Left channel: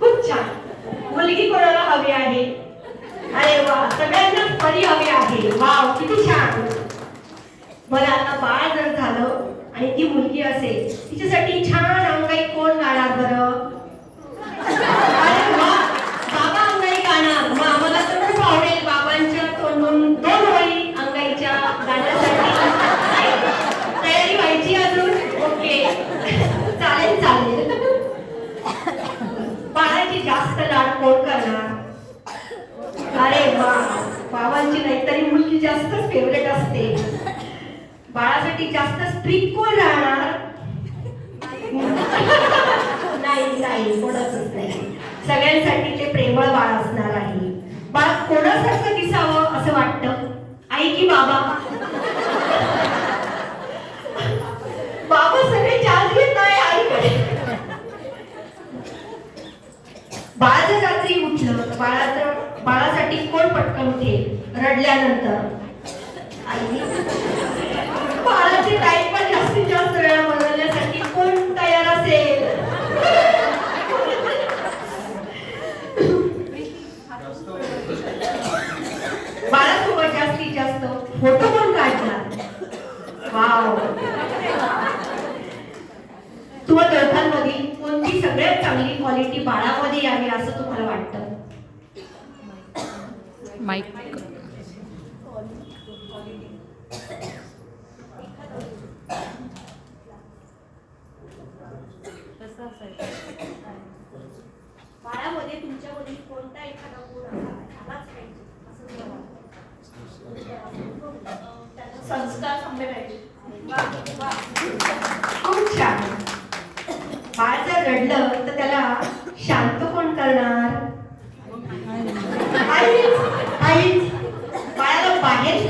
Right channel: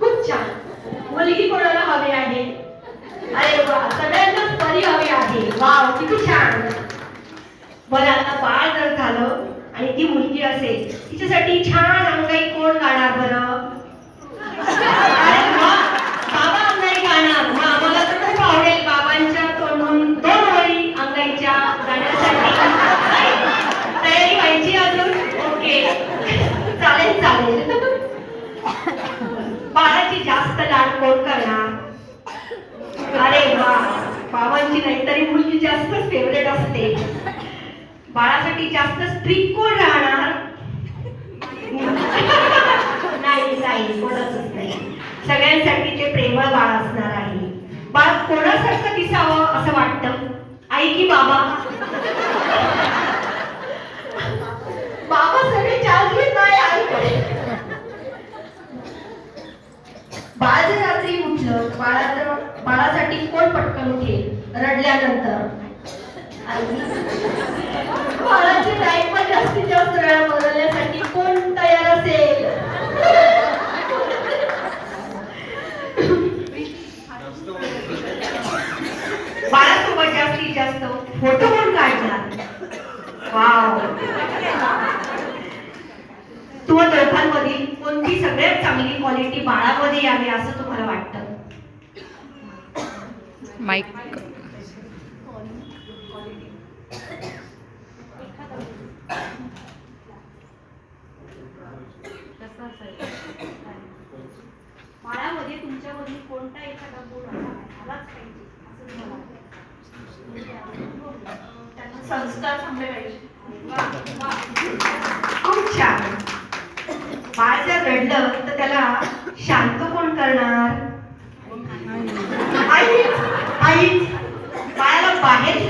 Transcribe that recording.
खूप छान मुलगी कोणाला हवी आहे? अरे वा सगळ्यांनाच परी हवी आहे. वाव किती छान. मला आता बाळ जर झालं आणि ती मुलगी असेल तिच्यासाठी छान अंगाई कोण गाणार बरं अरे वा, बाबा अंगाई गाणार मग आम्हाला तर खूप आवडेल बाबांच्या तोंडून दोन वळी अंगाईच्या गाण्यासाठी तयारी व्हायची अजून ओके चालेल. बाळाची जास्त लाड कोण करणार. अरे बाबांची नाही तरी मुलगी जास्त फेवरेट असते. बाळासाठी जास्त स्ट्रिक कोण राहणार? नाही नाही कोणाचंच नाही. सगळ्यांसाठी ते प्रेमळ बाळ असणार आहे. बाळ कोणासारखं दिसावं असं वाटतं? आई की बाबा? बाळ रात्री उठलं बाळाचं बाळासाठी कोण पटकन उठेल? रडल्यानंतर. बाळाचे बाळाची डायपर जास्तीत जास्त वेळा बदलण्यासाठी कोण तयार असेल? बाळासोबत जास्तीत जास्त फोटो कोण काढणार. वाव. तू दोघांमधील कोणती सगळ्यात चांगली क्वालिटी बाळामध्ये यावी असं तुम्हाला वाटतं? माईक बाळामध्ये कोणता एखादा गुण असावा संस्कार चांगले पाहिजे. खूप छान. बाळ जर रडलं तर त्याला शांत कोण करणार? आईच आईच बाळाला बाहेर